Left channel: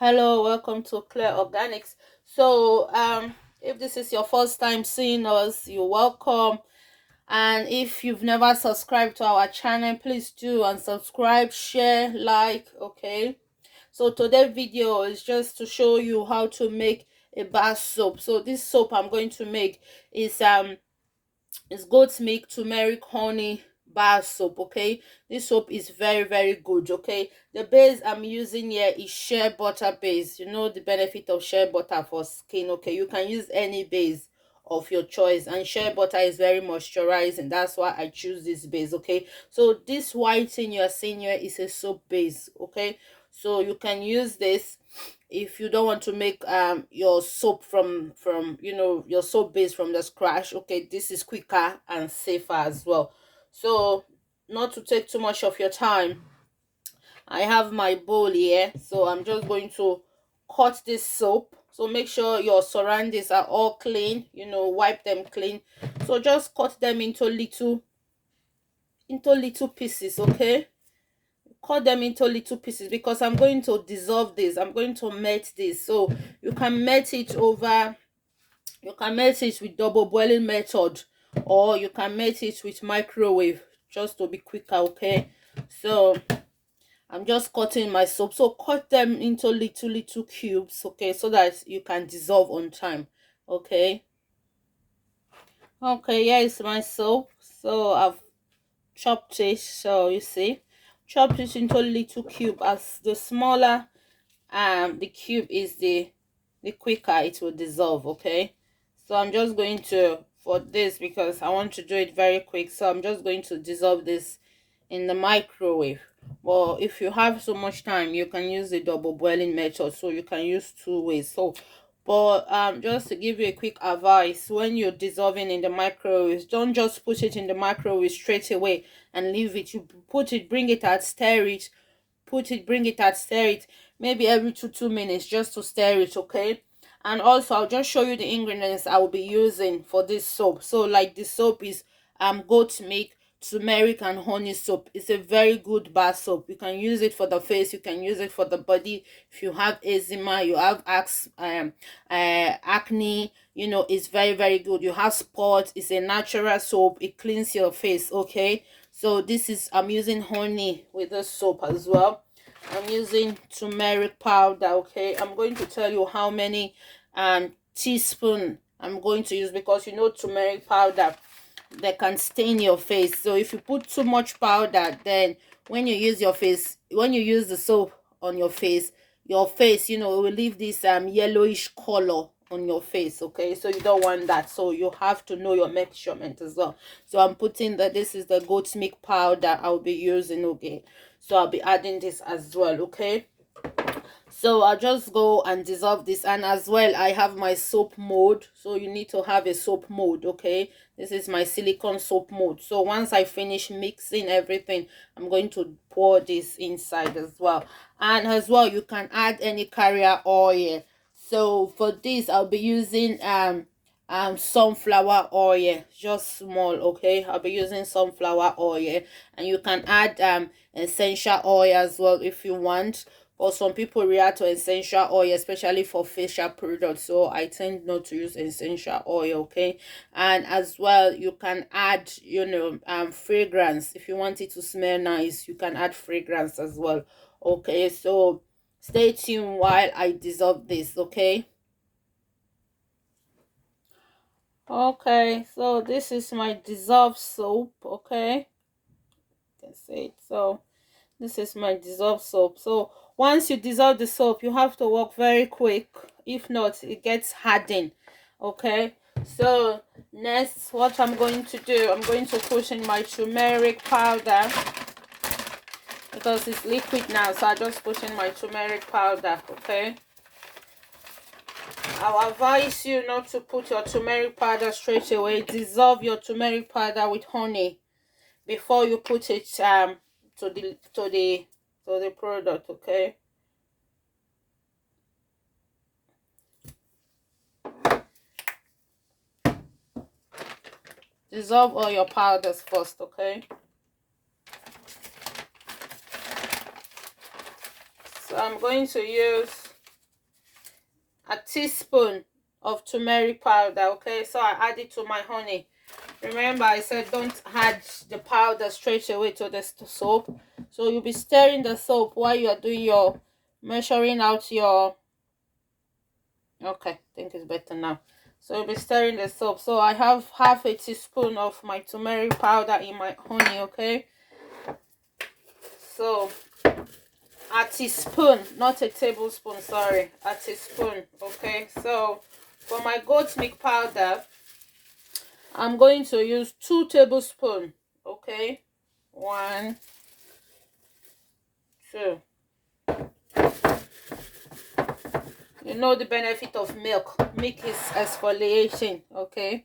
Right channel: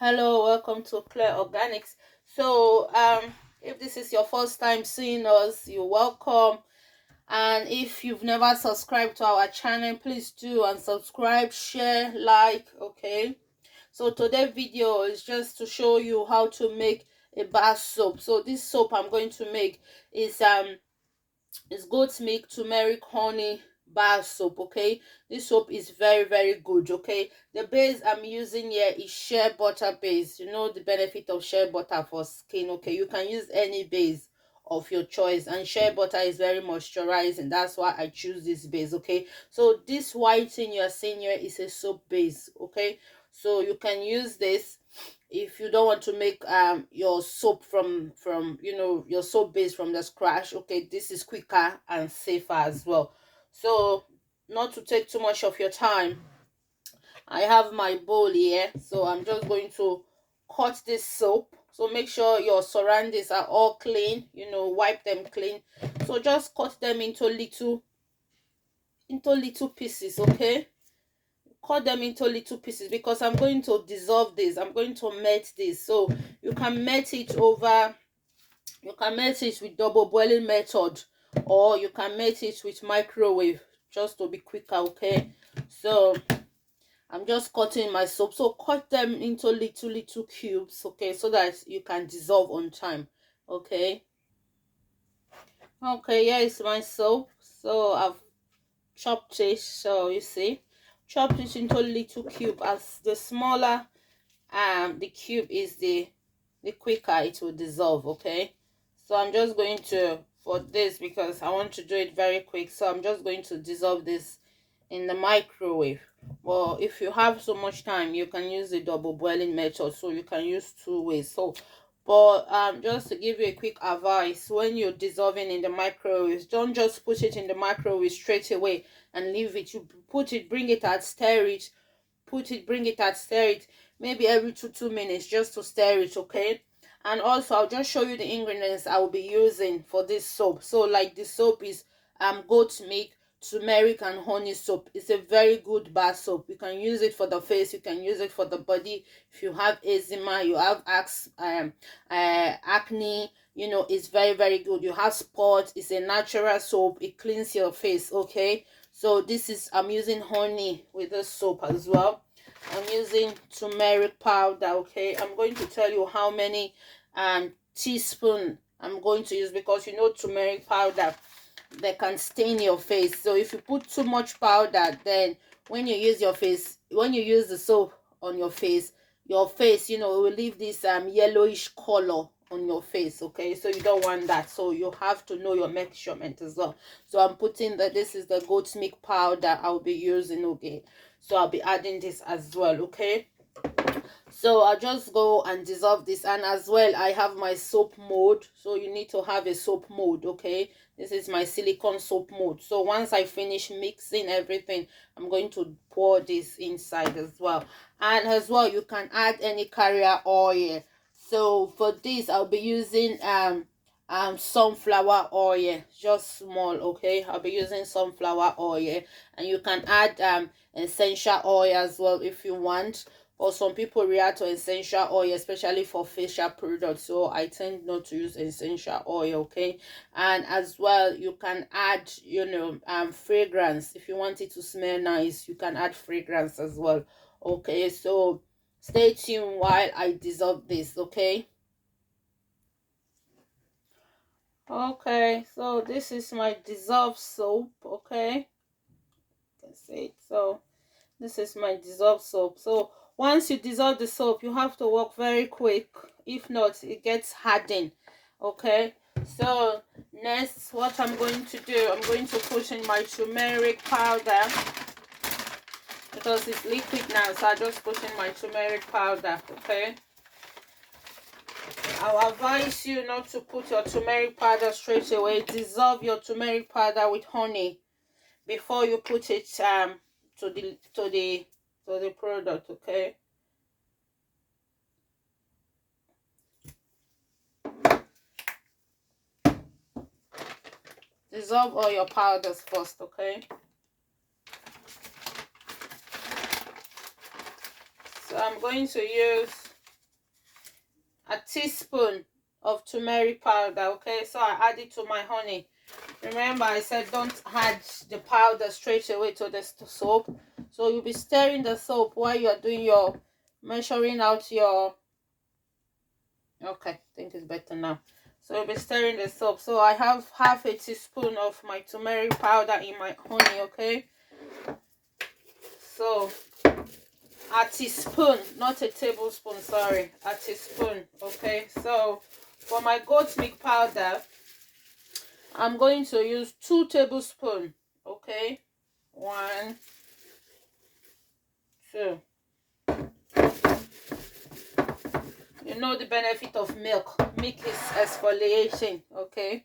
Hello, welcome to Clear Organics. So, if this is your first time seeing us, you're welcome. And if you've never subscribed to our channel, please do and subscribe, share, like. Okay. So today's video is just to show you how to make a bar soap. So this soap I'm going to make is goat's milk, turmeric, honey bar soap. Okay, this soap is very good. Okay, the base I'm using here is shea butter base. You know the benefit of shea butter for skin. Okay, you can use any base of your choice, and shea butter is very moisturizing. That's why I choose this base. Okay, so this white thing you're seeing here is a soap base. Okay, so you can use this if you don't want to make your soap from your soap base from the scratch. Okay, this is quicker and safer as well. So not to take too much of your time, I have my bowl here, so I'm just going to cut this soap. So make sure your surroundings are all clean, wipe them clean. So just cut them into little pieces. Okay, cut them into little pieces because I'm going to dissolve this. I'm going to melt this. So you can melt it over, you can melt it with double boiling method, or you can melt it with microwave just to be quicker. Okay, so I'm just cutting my soap. So cut them into little cubes. Okay, so that you can dissolve on time. Okay, here is my soap. So I've chopped it. So you see, chopped it into little cube. As the smaller the cube is, the quicker it will dissolve. Okay, so I'm just going to, for this, because I want to do it very quick, so I'm just going to dissolve this in the microwave. Well, if you have so much time, you can use the double boiling method, so you can use two ways. So but just to give you a quick advice, when you're dissolving in the microwave, don't just put it in the microwave straight away and leave it. You put it, bring it out, stir it, put it, bring it out, stir it, maybe every 2 minutes, just to stir it. Okay, and also I'll just show you the ingredients I will be using for this soap. So like, the soap is goat milk, turmeric, and honey soap. It's a very good bar soap. You can use it for the face, you can use it for the body. If you have eczema, you have acne, it's very good. You have spots, it's a natural soap, it cleans your face. Okay, so this is, I'm using honey with the soap as well. I'm using turmeric powder. Okay, I'm going to tell you how many teaspoon I'm going to use, because turmeric powder, they can stain your face. So if you put too much powder, then when you use the soap on your face, it will leave this yellowish color on your face. Okay, so you don't want that, so you have to know your measurement as well. So I'm putting that this is the goat's milk powder I'll be using. Okay, so I'll be adding this as well. Okay, so I'll just go and dissolve this. And as well, I have my soap mold, so you need to have a soap mold. Okay, this is my silicone soap mold. So once I finish mixing everything, I'm going to pour this inside as well. And as well, you can add any carrier oil. So for this, I'll be using sunflower oil, just small. Okay, I'll be using sunflower oil, and you can add essential oil as well if you want. Or some people react to essential oil, especially for facial products, so I tend not to use essential oil. Okay, and as well, you can add fragrance. If you want it to smell nice, you can add fragrance as well. Okay, so stay tuned while I dissolve this. Okay, so this is my dissolved soap. Okay, you can see it. So this is my dissolved soap. So once you dissolve the soap, you have to work very quick. If not, it gets hardened. Okay, so next, what I'm going to do, I'm going to put in my turmeric powder, because it's liquid now. So I just put in my turmeric powder. Okay, I'll advise you not to put your turmeric powder straight away. Dissolve your turmeric powder with honey before you put it to the product. Okay, dissolve all your powders first. Okay, so I'm going to use a teaspoon of turmeric powder. Okay, so I add it to my honey. Remember, I said don't add the powder straight away to the soap. So you'll be stirring the soap while you're doing your measuring out your. Okay, I think it's better now. So you'll be stirring the soap. So I have half a teaspoon of my turmeric powder in my honey. Okay, so a teaspoon, not a tablespoon, sorry, a teaspoon. Okay, so for my goat milk powder, I'm going to use 2 tablespoons. Okay, 1, 2. You know the benefit of milk. Milk is exfoliating. Okay,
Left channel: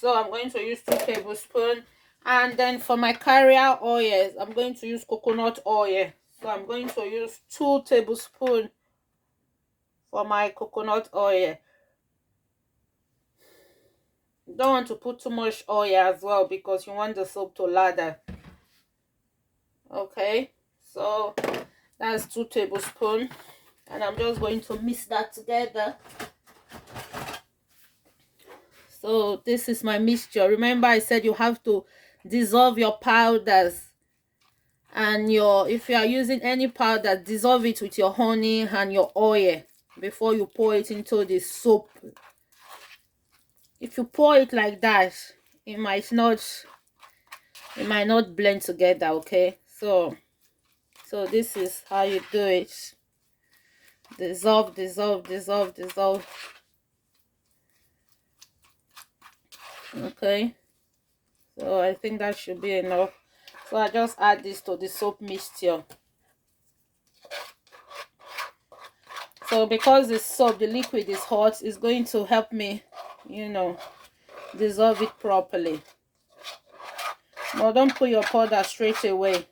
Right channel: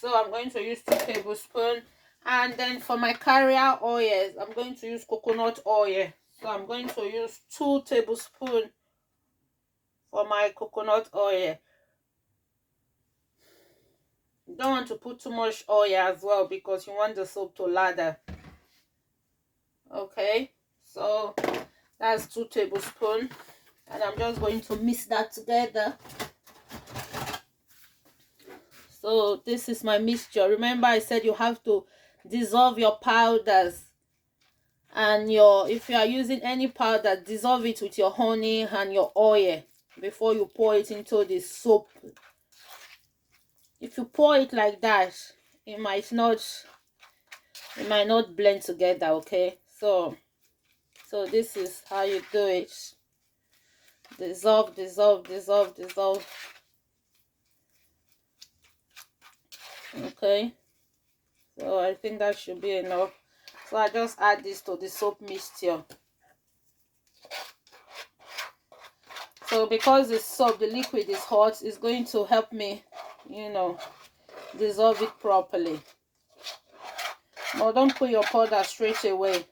so I'm going to use 2 tablespoons. And then for my carrier oils, I'm going to use coconut oil. So I'm going to use 2 tablespoons for my coconut oil. You don't want to put too much oil as well because you want the soap to lather. Okay, so that's 2 tablespoons, and I'm just going to mix that together. So this is my mixture. Remember, I said you have to dissolve your powders, and if you are using any powder, dissolve it with your honey and your oil before you pour it into the soap. If you pour it like that, it might not blend together. Okay, so this is how you do it. Dissolve, dissolve, dissolve, dissolve. Okay, so I think that should be enough. So I just add this to the soap mixture. So because the soap, the liquid is hot, it's going to help me, dissolve it properly. But don't put your powder straight away.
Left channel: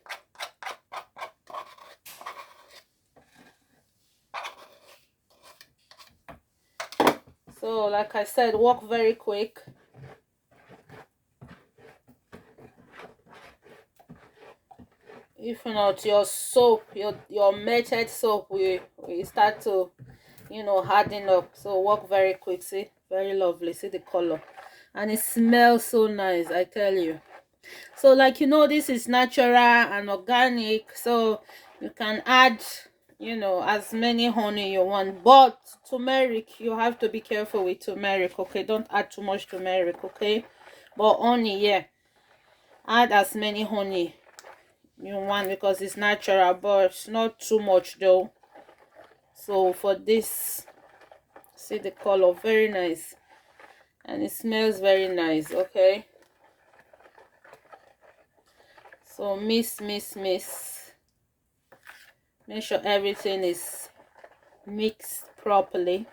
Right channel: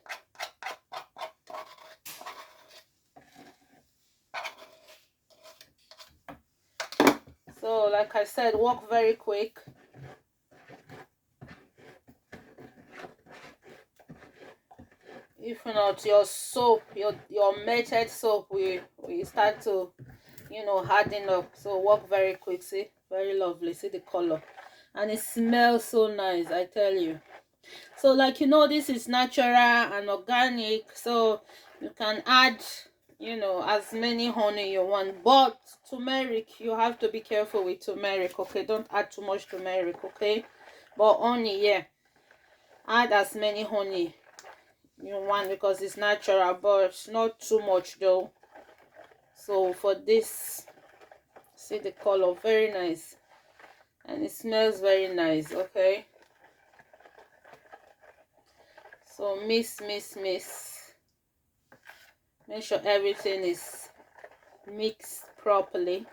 So like I said, work very quick. If not, your soap, your melted soap will start to harden up. So work very quick. See, very lovely. See the color, and it smells so nice, I tell you. So like this is natural and organic, so you can add as many honey you want. But turmeric, you have to be careful with turmeric. Okay, don't add too much turmeric. Okay, but honey, yeah, add as many honey you want because it's natural, but not too much though. So for this, see the color, very nice, and it smells very nice. Okay, so mix. Make sure everything is mixed properly.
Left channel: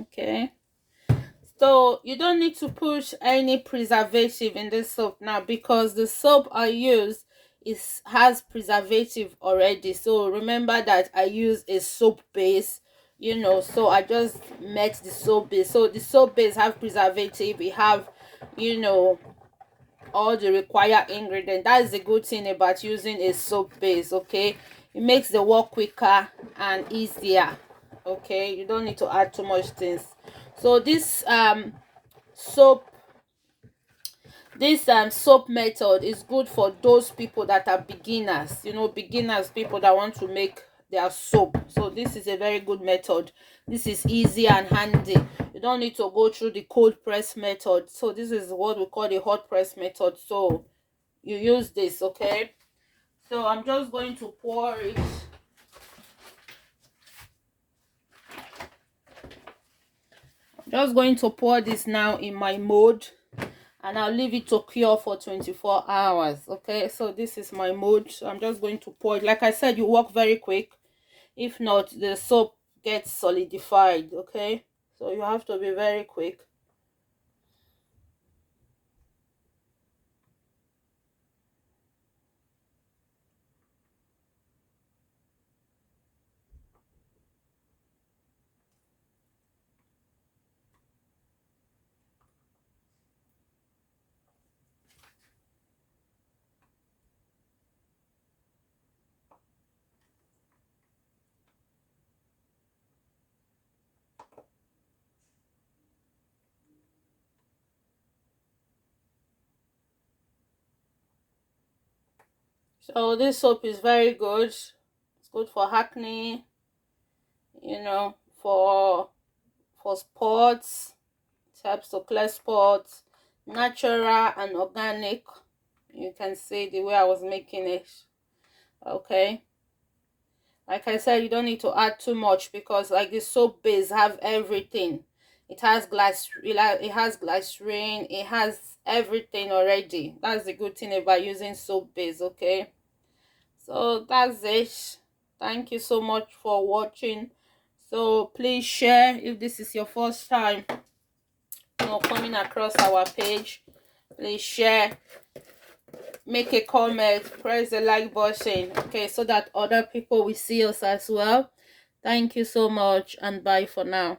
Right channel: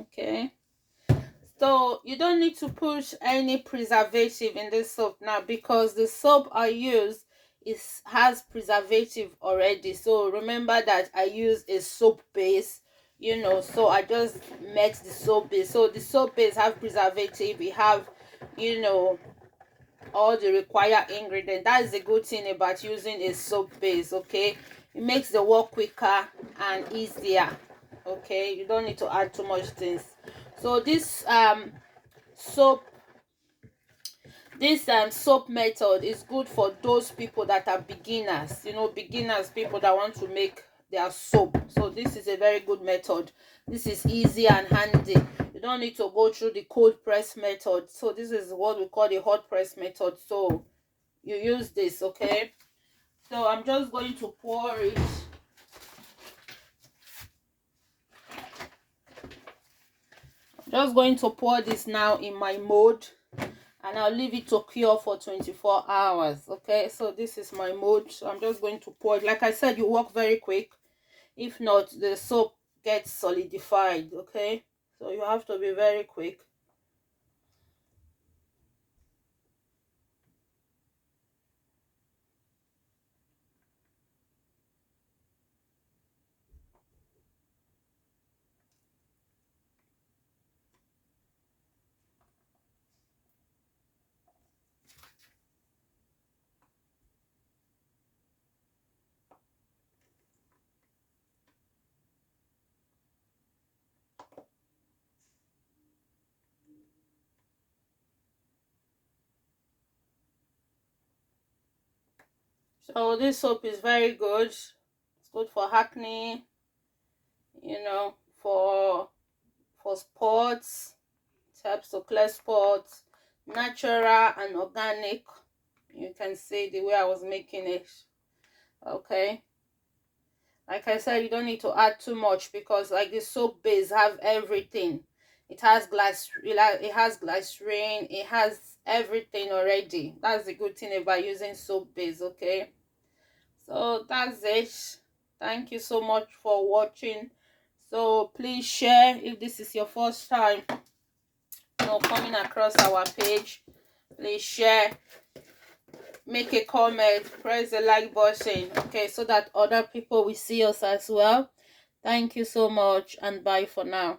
Okay, so you don't need to put any preservative in this soap now because the soap I use has preservative already. So remember that I use a soap base, so I just met the soap base. So the soap base have preservative, we have all the required ingredients. That's the good thing about using a soap base. Okay, it makes the work quicker and easier. Okay, you don't need to add too much things. So this soap soap method is good for those people that are beginners, people that want to make their soap. So this is a very good method. This is easy and handy. You don't need to go through the cold press method. So this is what we call the hot press method. So you use this. Okay, so I'm just going to pour it. Just going to pour this now in my mold, and I'll leave it to cure for 24 hours. Okay, so this is my mold. So I'm just going to pour it. Like I said, you work very quick. If not, the soap gets solidified. Okay, so you have to be very quick. So this soap is very good. It's good for acne, you know, for spots. It helps to clear spots, natural and organic. You can see the way I was making it. Okay, like I said, you don't need to add too much because like the soap base have everything. It has glycerin, it has everything already. That's the good thing about using soap base. Okay, so that's it. Thank you so much for watching. So please share if this is your first time, coming across our page. Please share, make a comment, press the like button, okay, so that other people will see us as well. Thank you so much, and bye for now.